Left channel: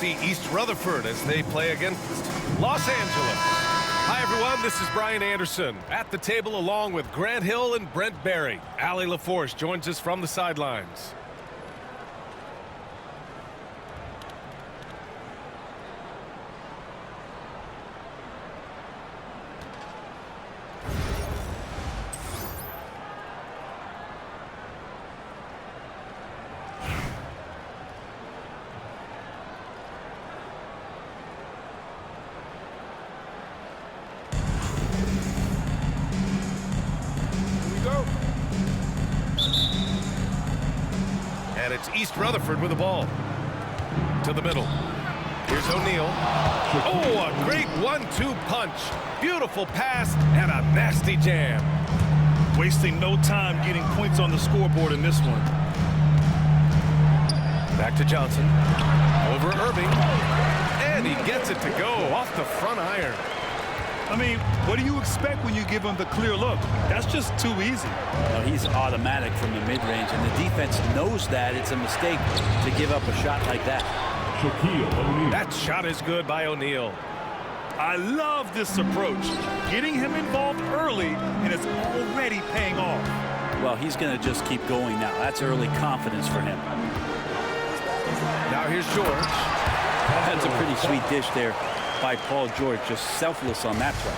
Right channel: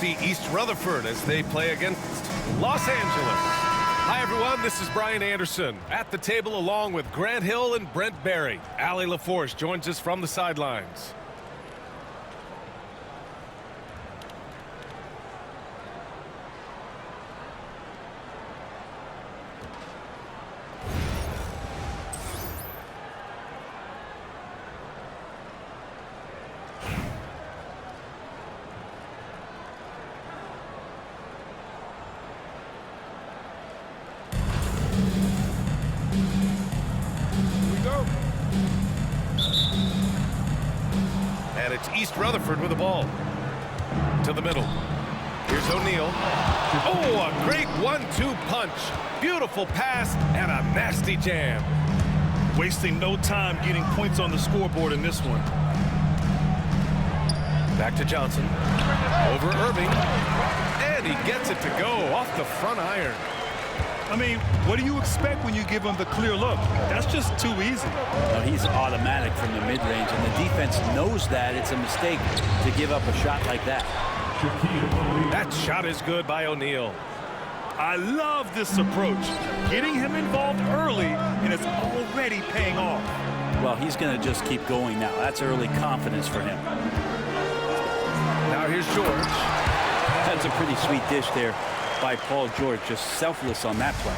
see East Rutherford as they play against Los Angeles. Hi, everyone. This is Brian Anderson at the table along with Grant Hill and Brent Barry. Allie LaForce joins us from the sidelines. And it's East Rutherford with the ball. To the middle. Here's O'Neal. Oh, a great 1-2 punch. Beautiful pass and a nasty jam. Wasting no time getting points on the scoreboard in this one. Back to Johnson. Over Irving. And he gets it to go off the front iron. I mean, what do you expect when you give him the clear look? That's just too easy. No, he's automatic from the mid-range, and the defense knows that it's a mistake to give up a shot like that. That shot is good by O'Neal. I love this approach. Getting him involved early, and it's already paying off. Well, he's going to just keep going now. That's early confidence for him. Now here's George. That's a pretty sweet dish there by Paul George, just selfless on that play.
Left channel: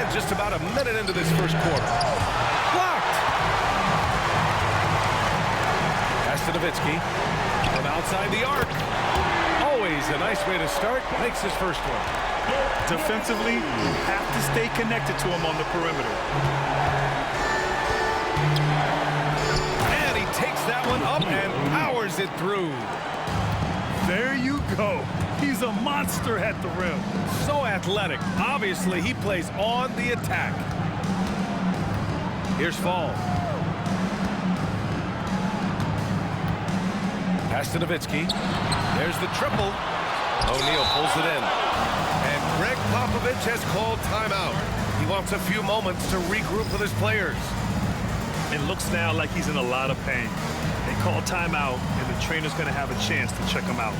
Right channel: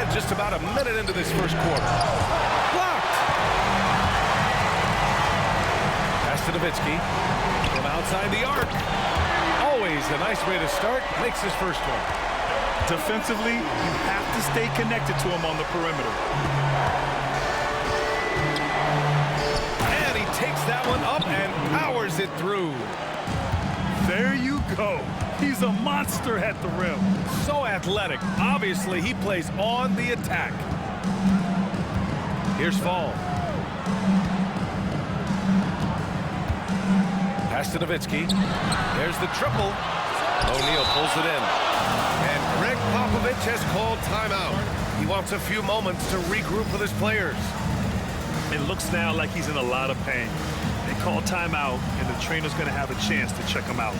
And just about a minute into this first quarter. Blocked! Pass to Nowitzki. From outside the arc. Always a nice way to start. Makes his first one. Defensively, you have to stay connected to him on the perimeter. And he takes that one up and powers it through. There you go. He's a monster at the rim. So athletic. Obviously, he plays on the attack. Here's Fall. Pass to Nowitzki. There's the triple. O'Neal pulls it in. And Greg Popovich has called timeout. He wants a few moments to regroup with his players. It looks now like he's in a lot of pain. They call timeout, and the trainer's going to have a chance to check him out.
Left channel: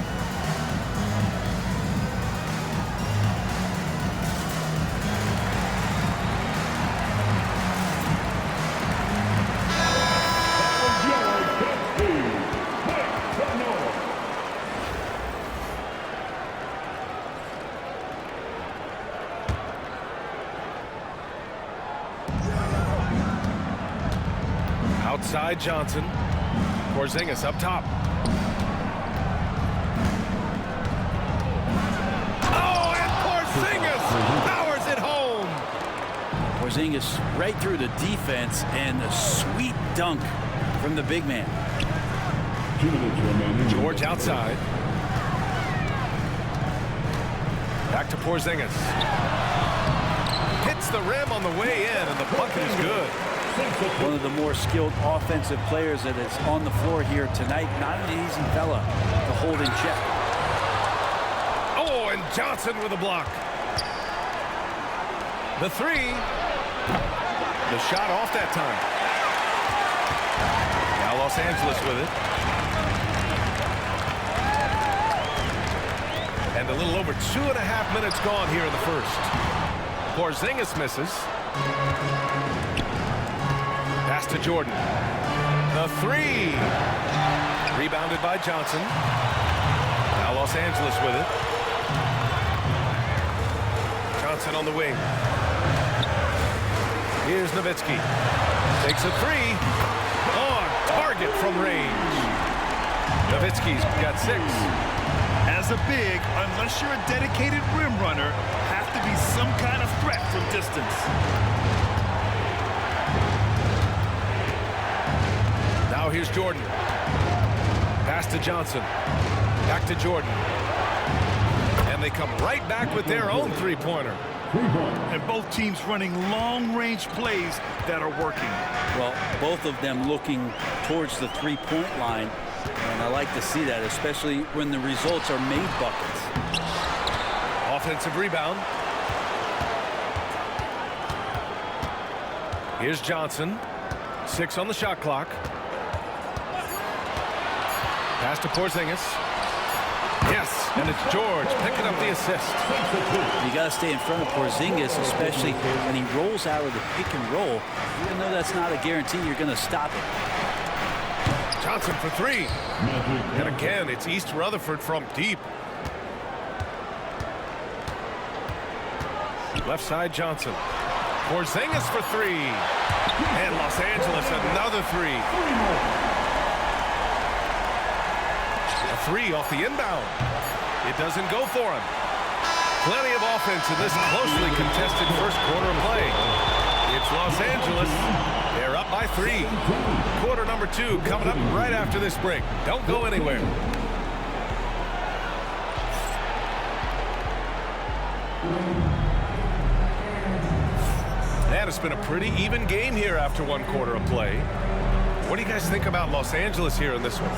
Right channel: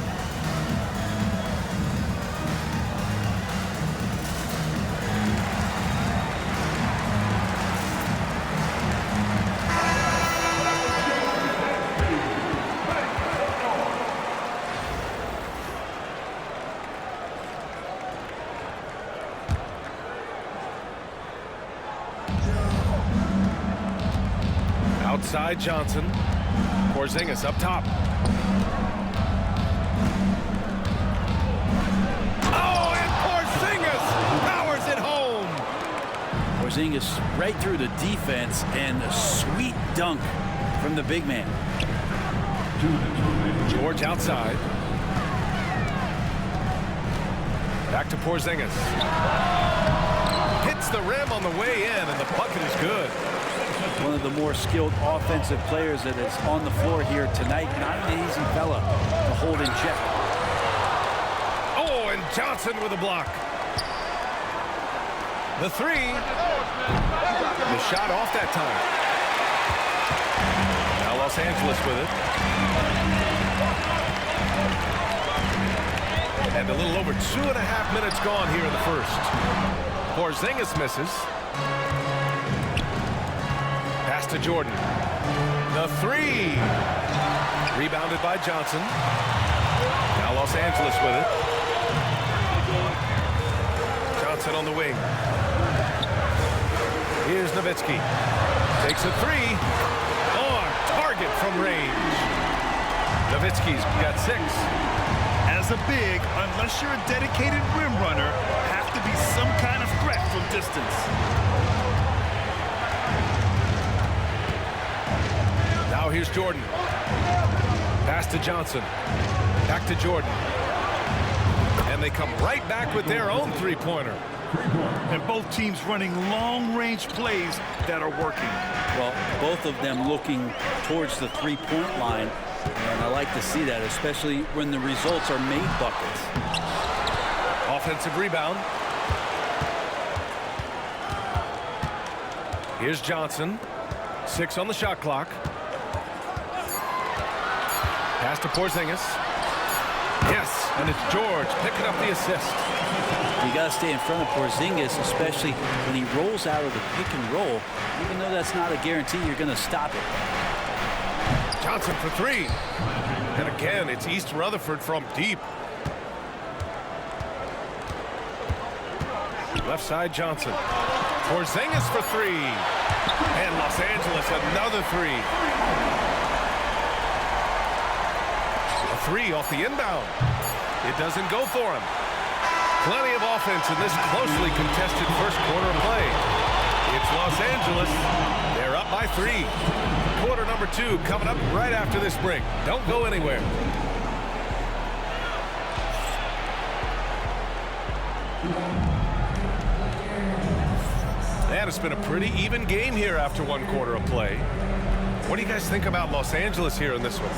Outside Johnson. Porzingis up top. Oh, and Porzingis powers it home. Porzingis right through the defense, and a sweet dunk from the big man. George outside. Back to Porzingis. Hits the rim on the way in, and the bucket is good. One of the more skilled offensive players that is on the floor here tonight. Not an easy fella to hold in check. Oh, and Johnson with a block. The three. The shot off that time. Now Los Angeles with it. And a little over 2.5 minutes gone here in the first. Porzingis misses. Pass to Jordan. The three. Rebounded by Johnson. Now Los Angeles with it. Johnson on the wing. Here's Nowitzki. Takes a three. On target from range. Nowitzki's got 6. As a big, unless you're a dedicated rim runner, have to be some kind of threat from distance. Now here's Jordan. Pass to Johnson. Back to Jordan. And they come right back with their own three-pointer. And both teams running long-range plays that are working. Well, both of them looking towards the three-point line, and I like to see that, especially when the results are made buckets. Offensive rebound. Here's Johnson. 6 on the shot clock. Pass to Porzingis. Yes, and it's George picking up the assist. You got to stay in front of Porzingis, especially when he rolls out of the pick and roll. Even though that's not a guarantee, you're going to stop it. Johnson for three. And again, it's East Rutherford from deep. Left side, Johnson. Porzingis for three. And Los Angeles, another three. A three off the inbound. It doesn't go for him. Plenty of offense in this closely contested first quarter of play. It's Los Angeles. They're up by three. Quarter number two coming up right after this break. Don't go anywhere. And it's been a pretty even game here after one quarter of play. What do you guys think about Los Angeles here in this one?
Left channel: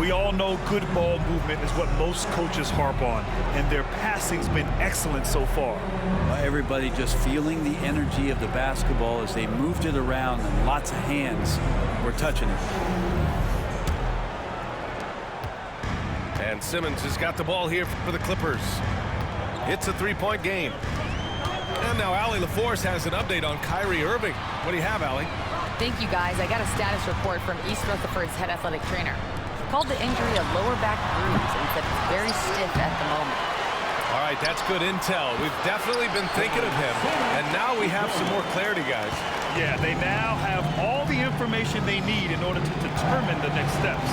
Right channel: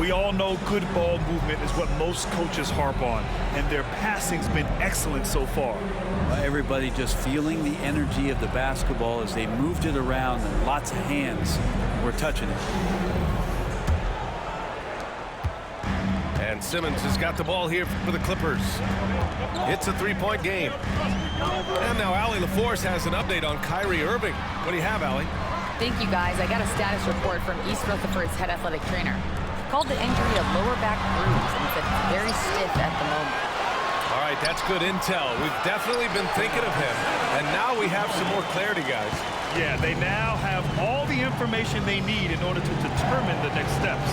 We all know good ball movement is what most coaches harp on, and their passing's been excellent so far. Well, everybody just feeling the energy of the basketball as they moved it around, and lots of hands were touching it. And Simmons has got the ball here for the Clippers. It's a three-point game. And now Allie LaForce has an update on Kyrie Irving. What do you have, Allie? Thank you, guys. I got a status report from East Rutherford's head athletic trainer. He called the injury a lower back bruise and said it's very stiff at the moment. All right, that's good intel. We've definitely been thinking of him, and now we have some more clarity, guys. Yeah, they now have all the information they need in order to determine the next steps.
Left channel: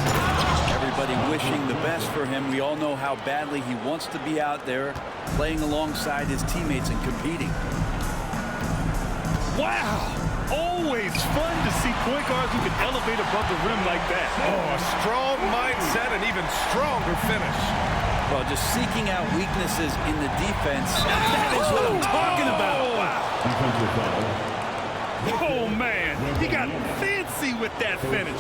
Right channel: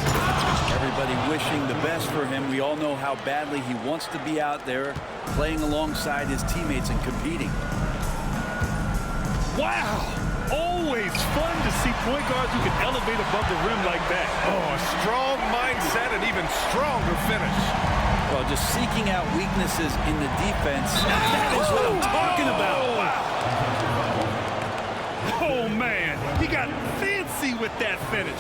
Everybody wishing the best for him. We all know how badly he wants to be out there playing alongside his teammates and competing. Wow! Always fun to see point guards who can elevate above the rim like that. Oh, a strong mindset and even stronger finish. Well, just seeking out weaknesses in the defense. That is what I'm talking about. Wow. Oh, man. He got fancy with that finish.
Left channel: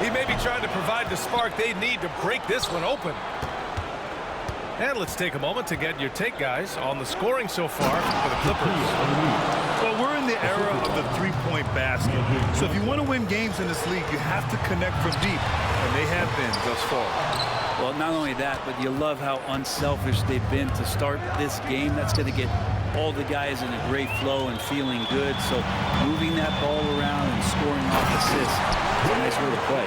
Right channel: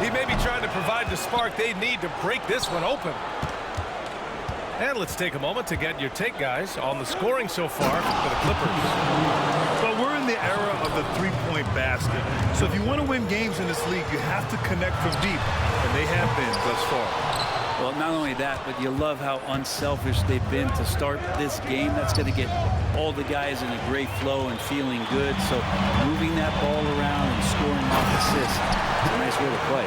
He may be trying to provide the spark they need to break this one open. And let's take a moment to get your take, guys, on the scoring so far for the Clippers. Well, we're in the era of the three-point basket. So if you want to win games in this league, you have to connect from deep. And they have been thus far. Well, not only that, but you love how unselfish they've been to start this game. That's going to get all the guys in a great flow and feeling good. So moving that ball around and scoring off assists is a nice way to play.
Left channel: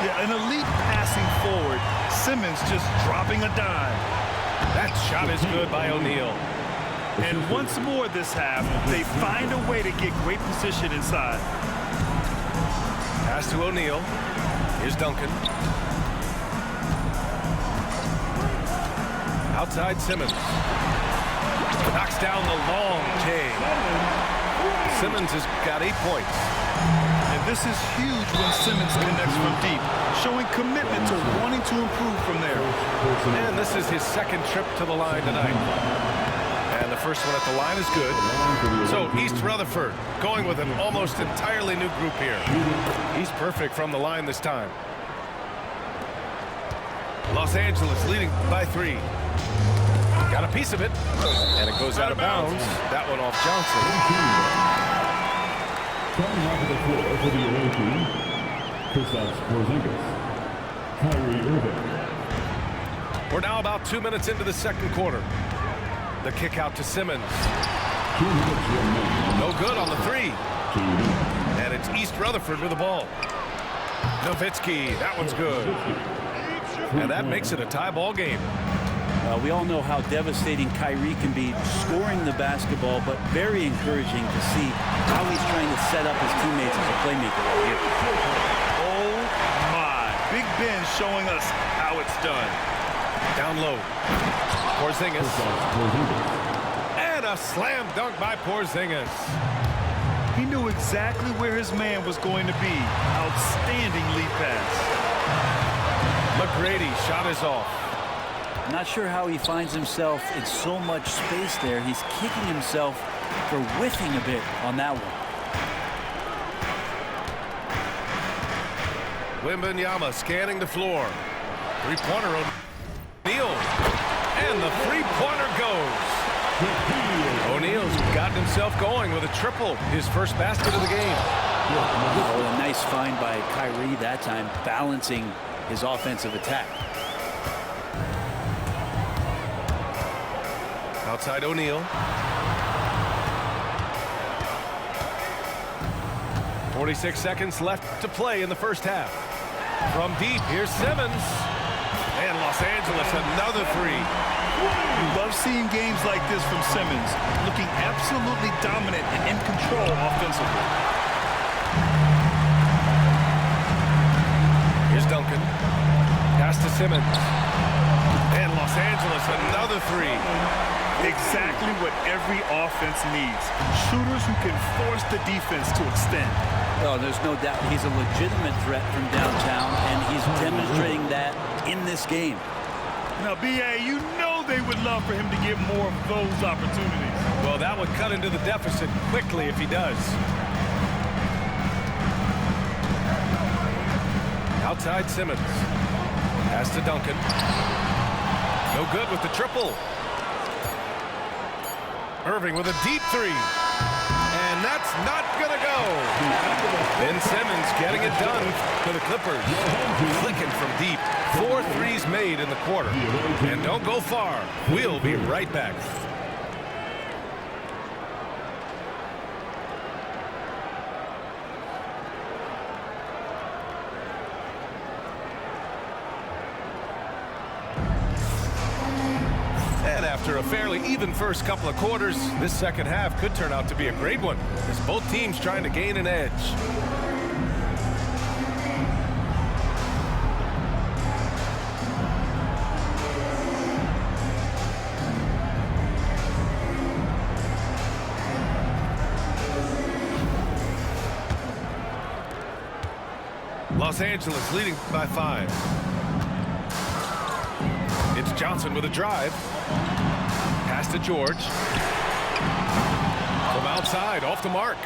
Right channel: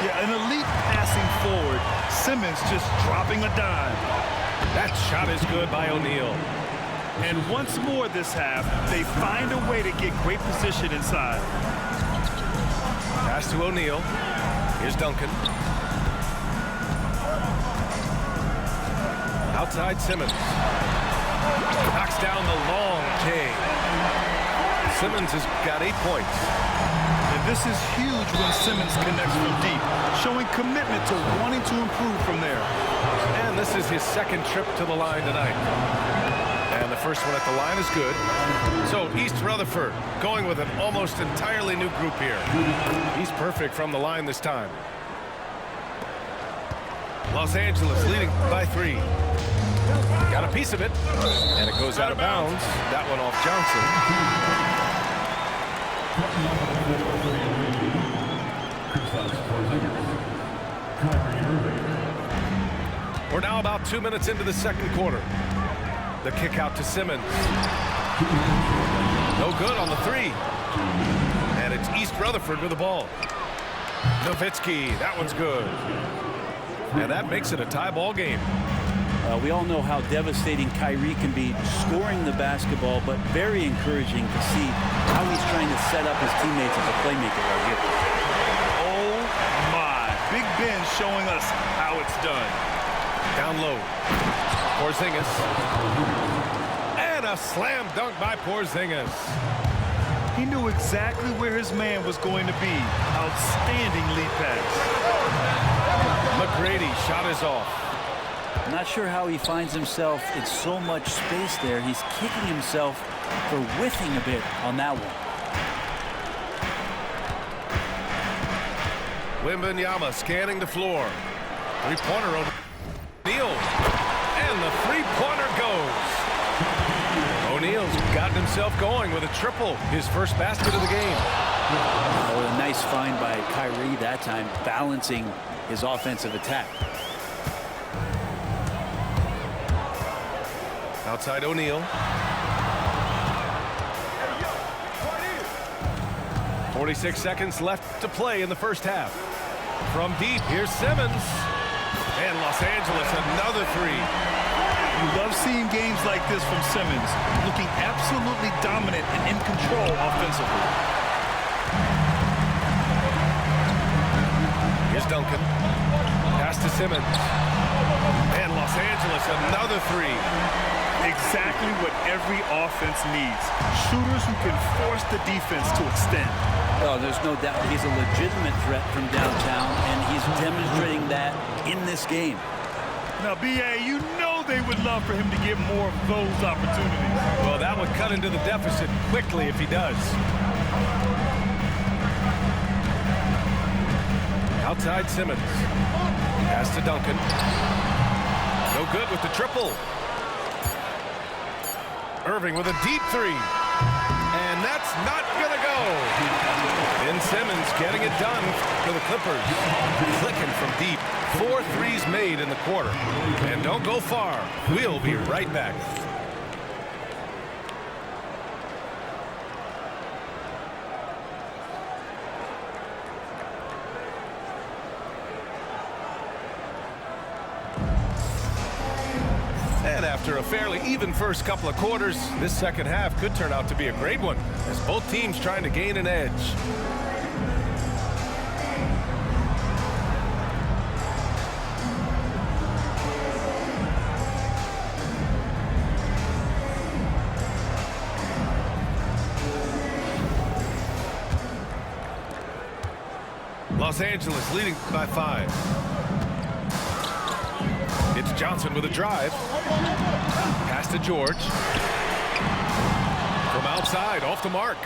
Yeah, an elite passing forward. Simmons just dropping a dime. That shot is good by O'Neal. And once more this half, they find a way to get great position inside. Pass to O'Neal. Here's Duncan. Outside Simmons. Knocks down the long J. Simmons has got 8 points. And this is huge when Simmons connects from deep, showing commitment to wanting to improve from there. And this is his second trip to the line tonight. And the first one at the line is good. So East Rutherford going with an almost entirely new group here. He's perfect from the line this time. Los Angeles leading by 3. Got a piece of it. And it goes out of bounds. That one off Johnson. Coming onto the floor for the Kristaps Porzingis, Kyrie Irving. We're now about 2 minutes into the second quarter. The kick out to Simmons. No good on the 3. And it's East Rutherford with the ball. Nowitzki, that one's good. And that makes it a tie ball game. We all know how devastating Kyrie can be scoring the basketball, but very encouraging to see how he's trying to set up his teammates as a playmaker right here. Oh, my. Big Ben showing us how it's done. Down low. Porzingis. And a slam dunk by Porzingis. He knew exactly where his man was going to be. Outstanding lead pass. McGrady shot is off. I'm not sure how he finds himself in so much space there. He's kicking himself for whiffing a bit on that one. Wembanyama scanning the floor. Three-pointer O'Neal. And the three-pointer goes. O'Neal's gotten himself going with a triple. His first basket of the game. Oh, a nice find by Kyrie that time, balancing his offensive attack. Outside O'Neal. 46 seconds left to play in the first half. From deep, here's Simmons. And Los Angeles, another three. You love seeing games like this from Simmons, looking absolutely dominant and in control offensively. Here's Duncan. Pass to Simmons. And Los Angeles, another three. Exactly what every offense needs. Shooters who can force the defense to extend. Oh, there's no doubt he's a legitimate threat from downtown, and he's demonstrating that in this game. Now, B.A., you know they would love for him to get more of those opportunities. Well, that would cut into the deficit quickly if he does. Outside Simmons. Pass to Duncan. No good with the triple. Irving with a deep three. And that's not gonna go. Ben Simmons getting it done for the Clippers. Clicking from deep. 4 threes made in the quarter. And don't go far. We'll be right back. And after a fairly even first couple of quarters, this second half could turn out to be a great one, as both teams trying to gain an edge. Los Angeles leading by 5. It's Johnson with a drive. Pass to George. From outside, off the mark.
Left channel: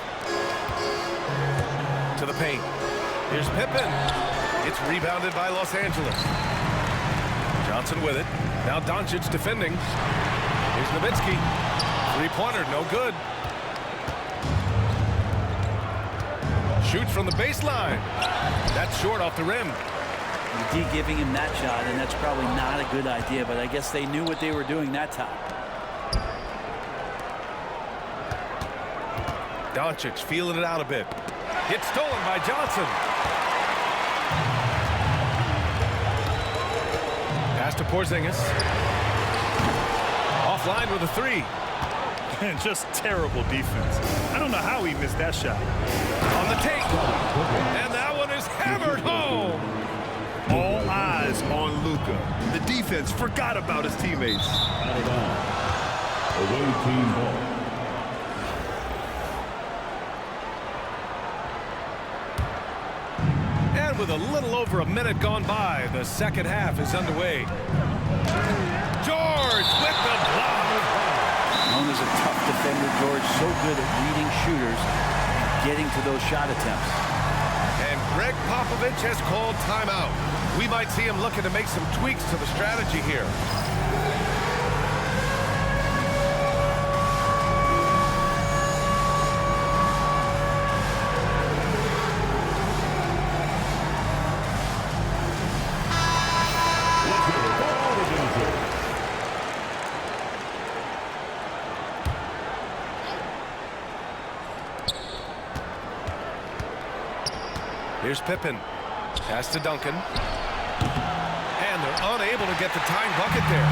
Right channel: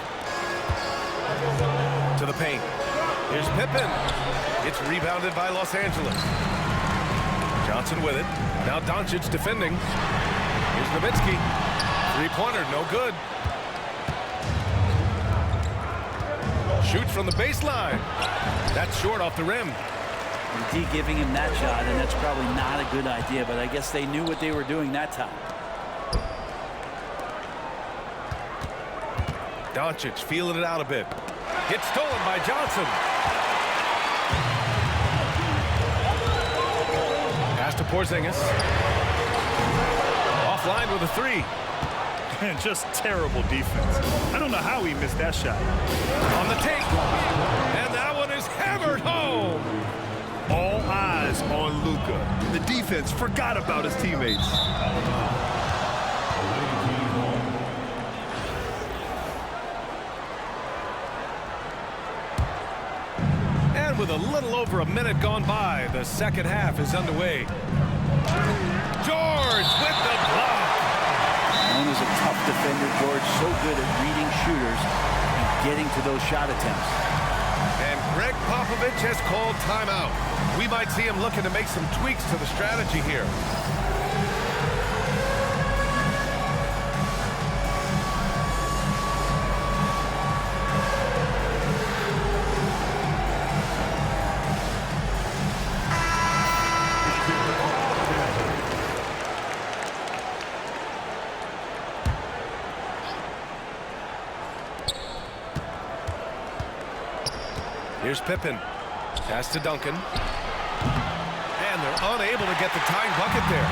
To the paint. Here's Pippen. It's rebounded by Los Angeles. Johnson with it. Now Doncic defending. Here's Nowitzki. Three-pointer, no good. Shoots from the baseline. That's short off the rim. D giving him that shot, and that's probably not a good idea, but I guess they knew what they were doing that time. Doncic feeling it out a bit. It's stolen by Johnson. Pass to Porzingis. Offline with a three. And just terrible defense. I don't know how he missed that shot. On the take. And that one is hammered home. All eyes on Luka. The defense forgot about his teammates. Away team ball. And with a little over a minute gone by, the second half is underway. George with the block. Known as a tough defender, George, so good at reading shooters and getting to those shot attempts. And Greg Popovich has called timeout. We might see him looking to make some tweaks to the strategy here. Let's hear it all the dancers. Here's Pippen. Pass to Duncan. And they're unable to get the tying bucket there.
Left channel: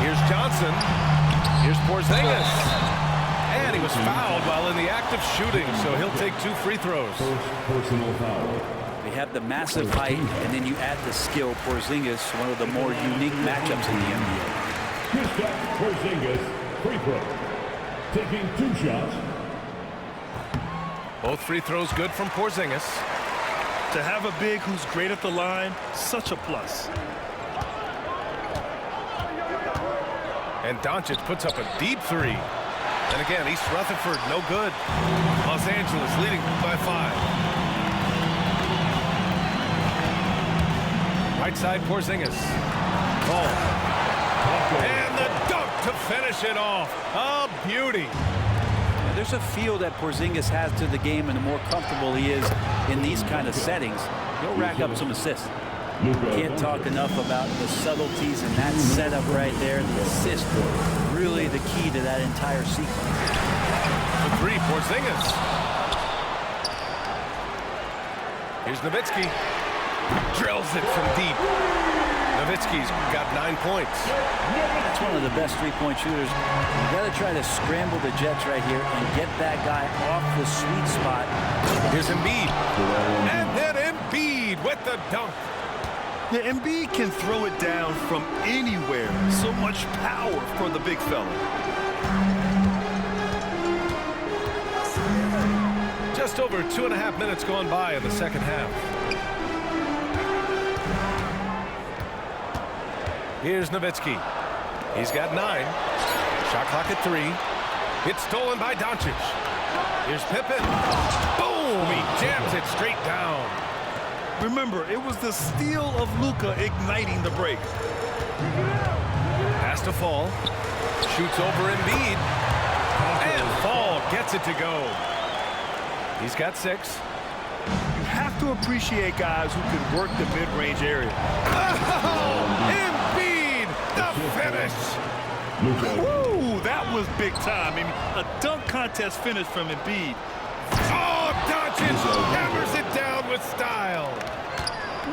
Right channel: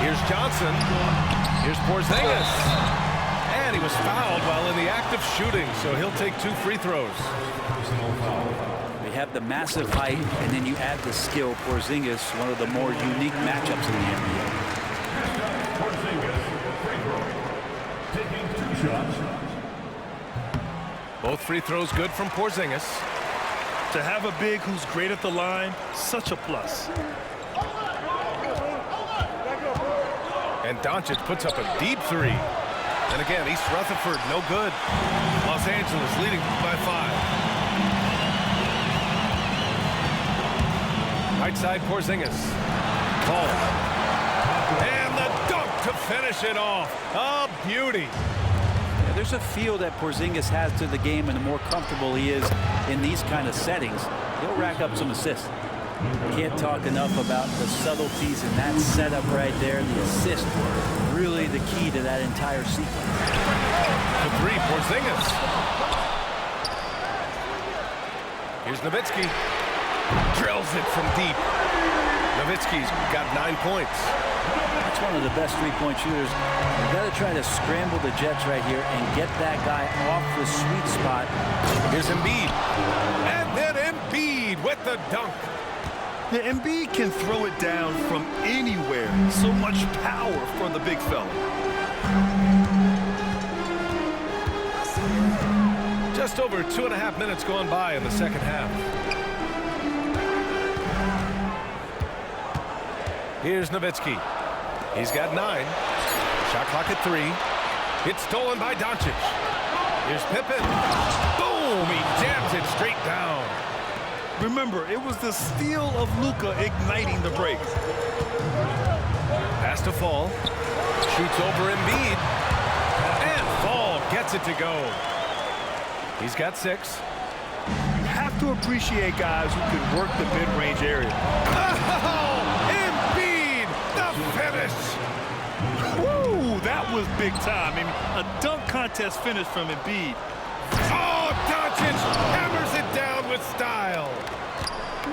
Here's Johnson. Here's Porzingis. And he was fouled while in the act of shooting, so he'll take 2 free throws. First personal foul. They have the massive height, and then you add the skill. Porzingis, one of the more unique matchups in the NBA. Kristaps Porzingis, free throw. Taking 2 shots. Both free throws good from Porzingis. To have a big who's great at the line, such a plus. And Doncic puts up a deep three. And again, East Rutherford, no good. Los Angeles leading by 5. Right side, Porzingis. Ball. And the dunk to finish it off. A beauty. Yeah, there's a feel that Porzingis has to the game, and the more comfortable he is in these kind of settings, he'll rack up some assists. Can't talk enough about the subtleties in that setup right there. The assist, really the key to that entire sequence. The three, Porzingis. Here's Nowitzki. Drills it from deep. Nowitzki's got 9 points. That's one of the best three-point shooters. You got to try to scramble the Jets right here and get that guy off the sweet spot. Here's Embiid. And then Embiid with the dunk. Yeah, Embiid can throw it down from anywhere. So much power for the big fella. Just over 2.5 minutes gone by in the second half. Here's Nowitzki. He's got 9. Shot clock at 3. It's stolen by Doncic. Here's Pippen. Boom! He jams it straight down. Remember, it was the steal of Luka igniting the break. Pass to Fall. Shoots over Embiid. And Fall gets it to go. He's got 6. You have to appreciate guys who can work the mid-range area. Oh! Embiid! The finish! Woo! That was big time. I mean, a dunk contest finish from Embiid. Oh, Doncic hammers it down with style.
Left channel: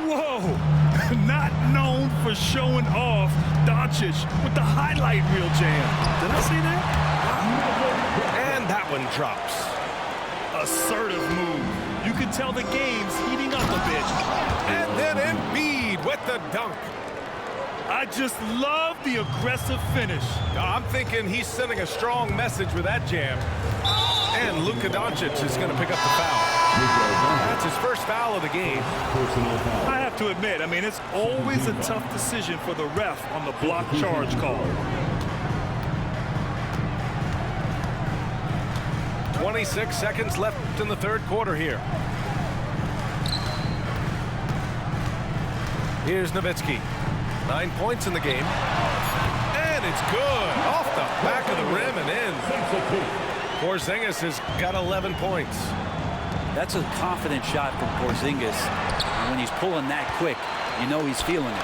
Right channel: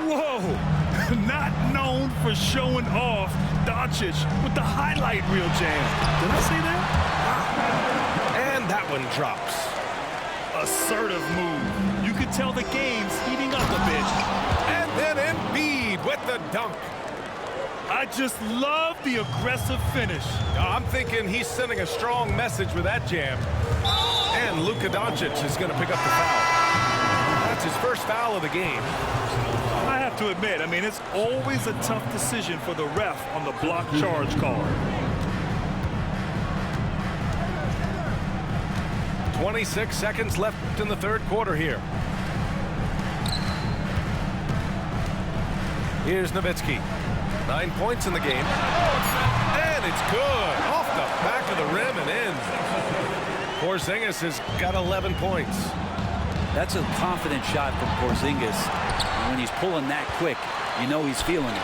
Whoa! Not known for showing off, Doncic with the highlight reel jam. Did I say that? Wow. And that one drops. Assertive move. You can tell the game's heating up a bit. And then Embiid with the dunk. I just love the aggressive finish. I'm thinking he's sending a strong message with that jam. And Luka Doncic is going to pick up the foul. That's his first foul of the game. I have to admit, I mean, it's always a tough decision for the ref on the block charge call. 26 seconds left in the third quarter here. Here's Nowitzki. 9 points in the game. And it's good. Off the back of the rim and in. Porzingis has got 11 points. That's a confident shot from Porzingis. And when he's pulling that quick, you know he's feeling it.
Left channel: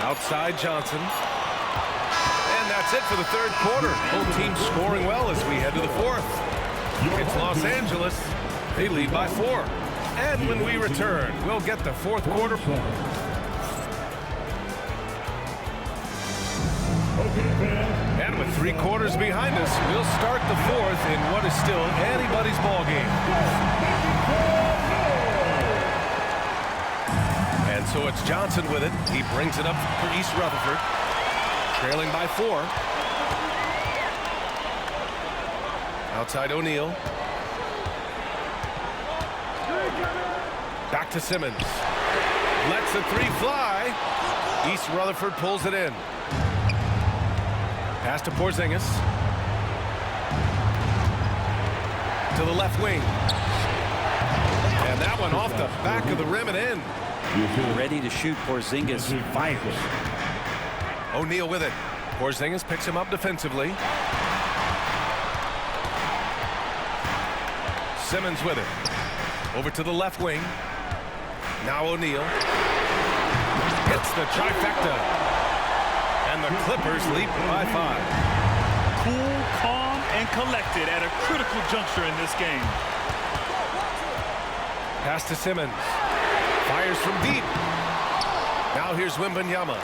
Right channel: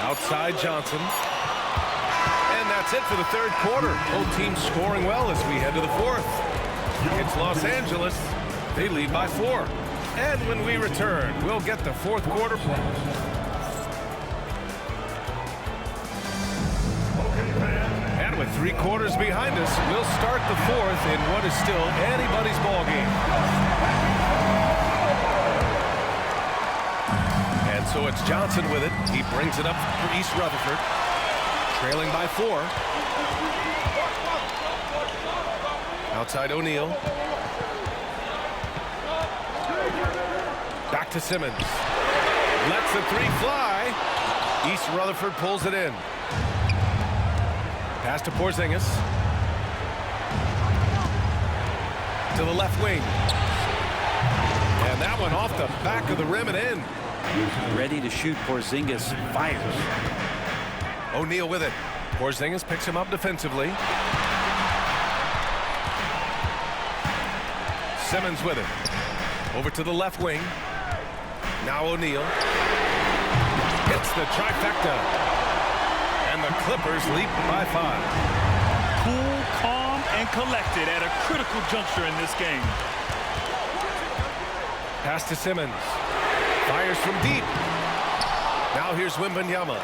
Outside Johnson. And that's it for the third quarter. Both teams scoring well as we head to the fourth. It's Los Angeles. They lead by 4. And when we return, we'll get the fourth quarter. And with 3 quarters behind us, we'll start the fourth in what is still anybody's ball game. And so it's Johnson with it. He brings it up for East Rutherford. Trailing by 4. Outside O'Neal. Back to Simmons. Lets the 3 fly. East Rutherford pulls it in. Pass to Porzingis. To the left wing. And that one off the back of the rim and in. Ready to shoot. Porzingis fires. O'Neal with it. Porzingis picks him up defensively. Simmons with it. Over to the left wing. Now O'Neal. Hits the trifecta. And the Clippers lead by 5. Cool, calm, and collected at a critical juncture in this game. Pass to Simmons. Fires from deep. Now here's Wembanyama.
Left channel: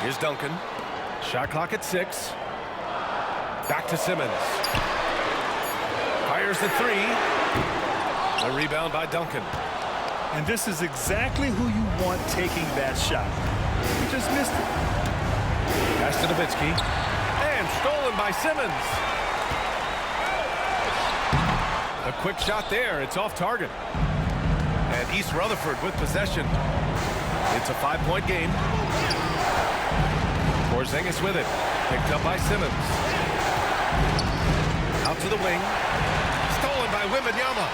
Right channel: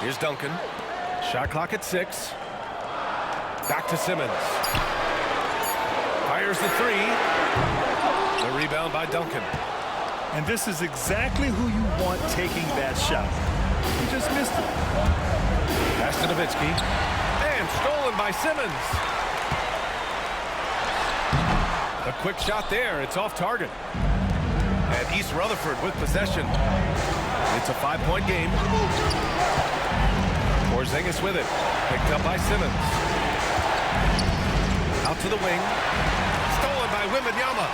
Here's Duncan. Shot clock at 6. Back to Simmons. Fires the 3. The rebound by Duncan. And this is exactly who you want taking that shot. He just missed it. Pass to Nowitzki. And stolen by Simmons. A quick shot there. It's off target. And East Rutherford with possession. It's a 5-point game. Porzingis with it. Picked up by Simmons. Out to the wing. Stolen by Wembanyama.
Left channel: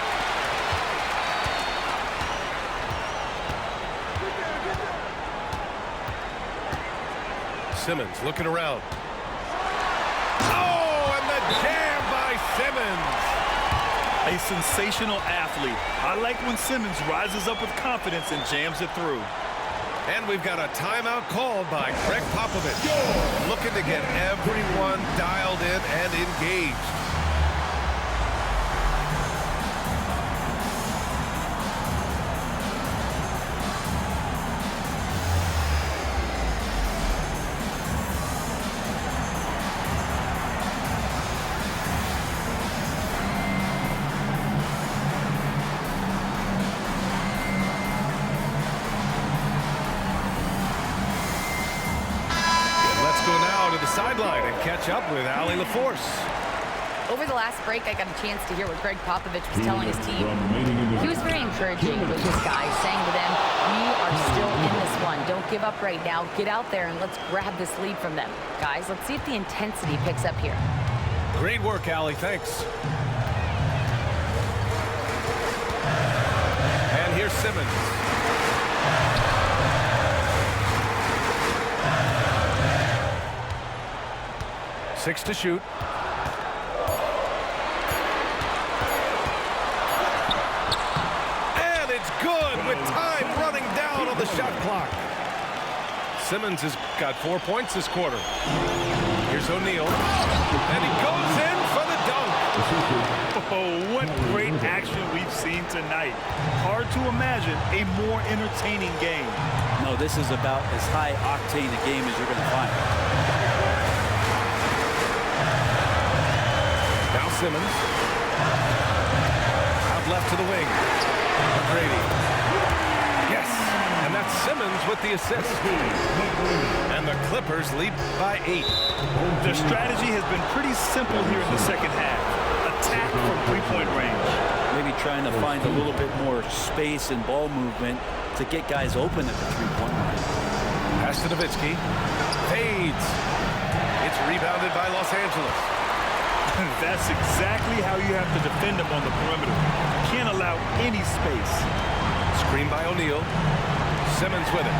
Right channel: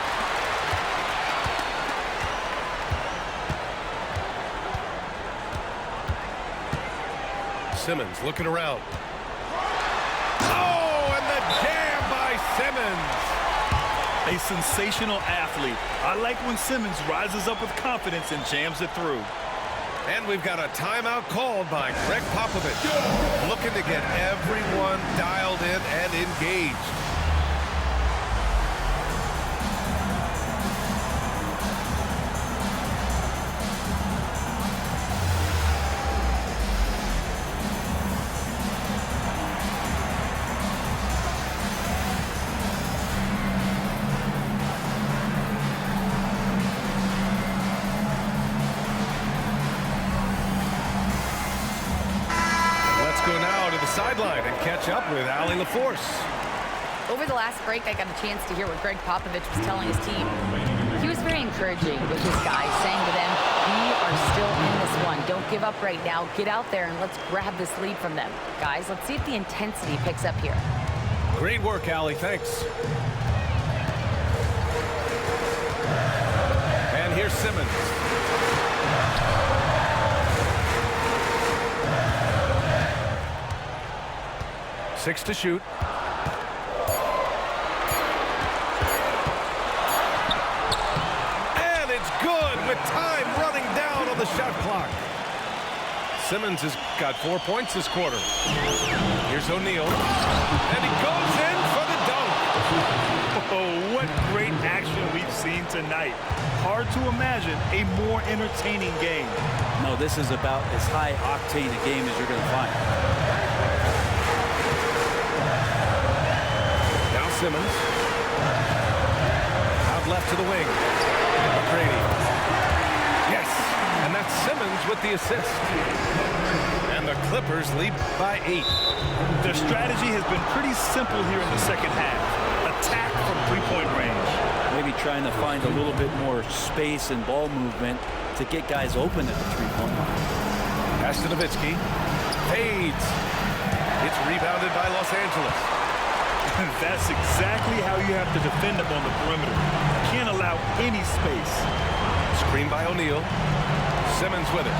Simmons looking around. Oh, and the Jam by Simmons. A sensational athlete. I like when Simmons rises up with confidence and jams it through. And we've got a timeout called by Greg Popovich, looking to get everyone dialed in and engaged. Let's go now to the sideline and catch up with Allie LaForce. Over the last break, I got a chance to hear what Greg Popovich was telling his team. He was very encouraging with his guys, saying to them, we are still in this one. Don't give up right now. Get out there and let's grab this lead from them. Guys, let's see if the intensity picks up here. Great work, Allie. Thanks. And here's Simmons. Six to shoot. And it's good with time running down on the shot clock. Simmons has got 4 points this quarter. Here's O'Neal. And he goes in for the dunk. Oh, what great action we've seen tonight. Hard to imagine a more entertaining game. No, this is about as high octane a game as you're going to find. Now Simmons. Out left to the wing. McGrady. Yes, and that's Simmons with the assist. And the Clippers lead by 8. Their strategy has been pretty simple here in the second half. Attack from three-point range. Maybe trying to find a little bit more space and ball movement to get guys open at the three-point line. Pass to Nowitzki. Fades. It's rebounded by Los Angeles. That's exactly how you have to defend them on the perimeter. Can't allow any space. Screen by O'Neal. Simmons with it.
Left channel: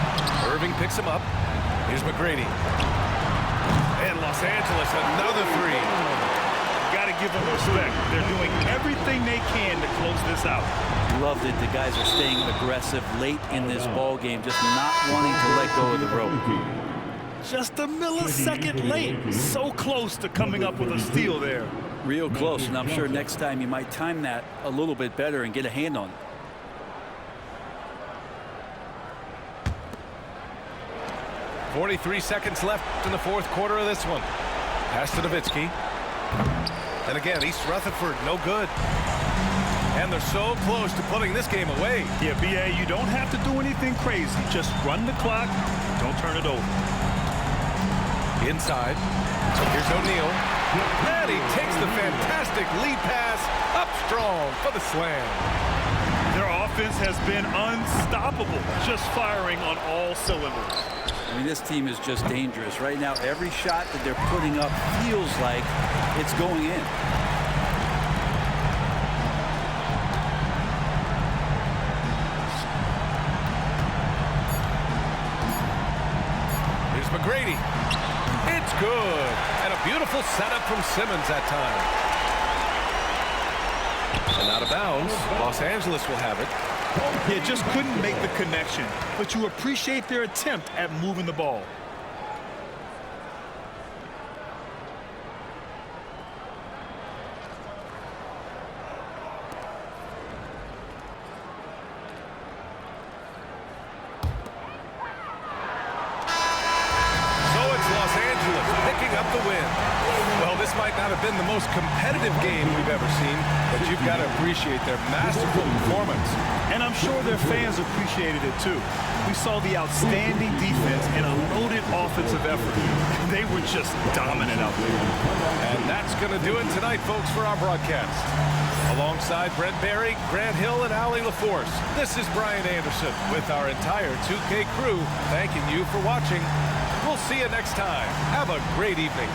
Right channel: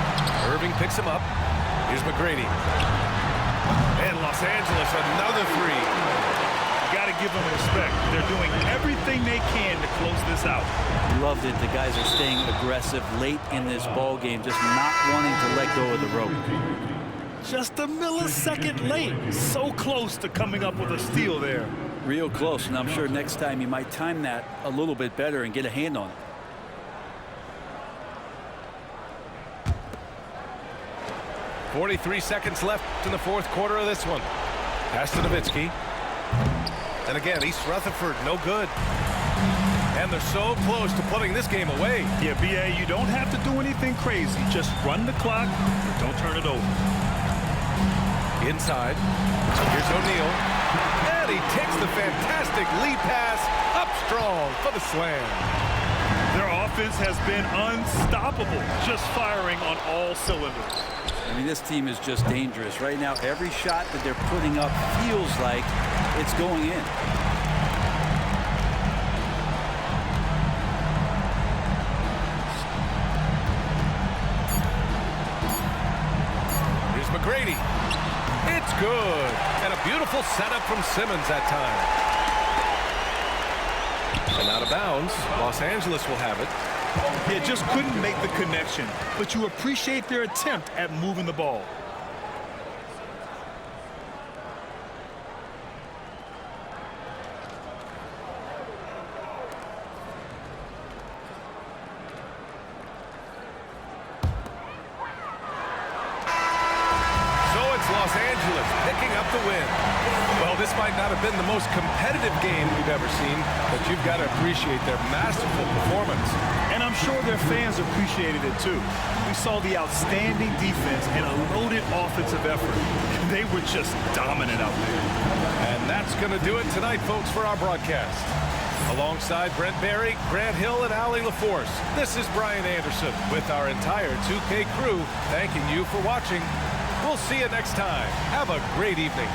Irving picks him up. Here's McGrady. And Los Angeles, another three. Got to give them respect. They're doing everything they can to close this out. Loved it. The guys are staying aggressive late in this ball game, just not wanting to let go of the rope. Just a millisecond late. So close to coming up with a steal there. Real close, and I'm sure next time you might time that a little bit better and get a hand on it. .43 seconds left in the fourth quarter of this one. Pass to Nowitzki. And again, East Rutherford, no good. And they're so close to putting this game away. Yeah, B.A., you don't have to do anything crazy. Just run the clock and don't turn it over. Inside. Here's O'Neal. And he takes the fantastic lead pass up strong for the slam. Their offense has been unstoppable, just firing on all cylinders. I mean, this team is just dangerous. Right now, every shot that they're putting up feels like it's going in. Here's McGrady. It's good. And a beautiful setup from Simmons that time. And out of bounds, Los Angeles will have it. Yeah, just couldn't make the connection, but you appreciate their attempt at moving the ball. So it's Los Angeles picking up the win. Well, this might not have been the most competitive game we've ever seen, but you've got to appreciate their masterful performance. And I'm sure their fans appreciated it too. We saw the outstanding defense and a loaded offensive effort. They were just dominant out there. And that's going to do it tonight, folks, for our broadcast. Alongside Brent Barry, Grant Hill, and Allie LaForce, this is Brian Anderson with our entire 2K crew thanking you for watching. We'll see you next time. Have a great evening.